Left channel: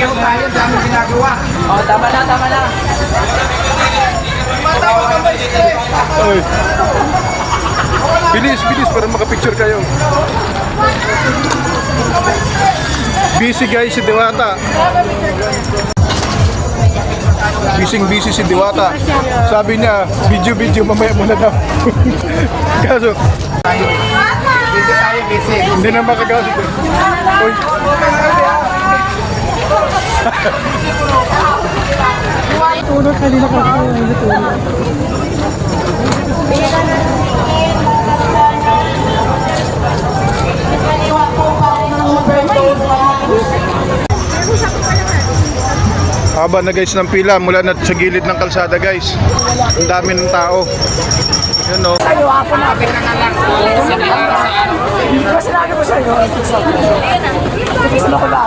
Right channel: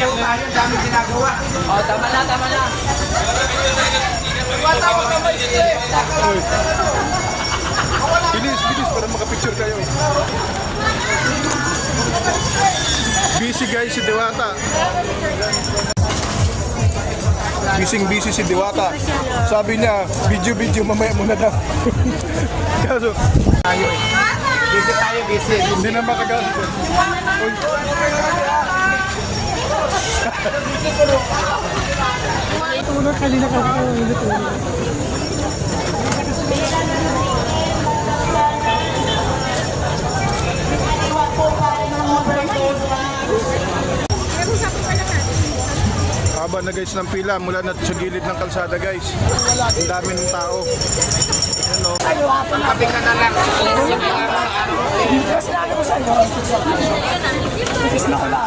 Tayo, dami ginagawa. Oh, tama na, tama na. Oy. Bilis, bilis para makapicture kayo. Busy guys si Diwata. Busy si Diwata. Sabi niya, video mamaya muna daw. Kaso, Busy. hindi na makagalit. Uy. Tulog kanina pa ako tulog. Haba na guys ng pila mula na sa gilid ng kalsada guys. Ang dami ng tao. Yan o. Kapit ka na lang. Sige lang sa araw. Sinabi ko sa'yo, gusto ko lagi. Ito ba?